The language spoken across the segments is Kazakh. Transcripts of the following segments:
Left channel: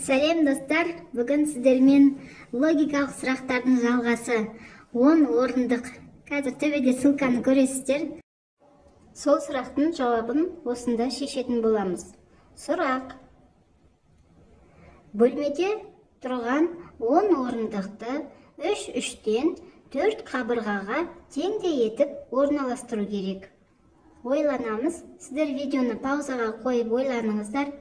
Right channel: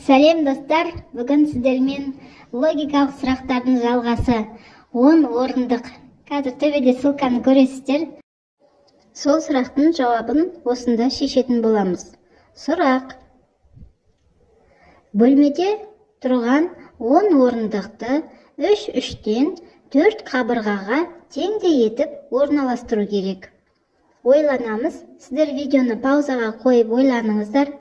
Сәлем достар, бүгін сіздермен логикалық сұрақтардың жалғасы 10 орындық. Қазір төбеде ссылканы көресіздер. Сол сұрақтың жауабын осында шешетін боламыз. Сұрақ: бөлмеде тұрған 10 орындықты 3-3-тен 4 қабырғаға теңдей етіп орналастыру керек. Ойланамыз. Сіздер видеоны паузаға қойып ойланыңыздар.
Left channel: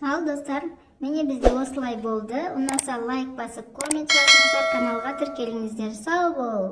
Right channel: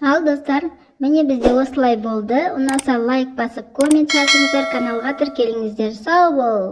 Ал достар, міне бізде осылай болды. Ұнаса лайк басып, коммент жазыңыздар, каналға тіркеліңіздер. Сау бол!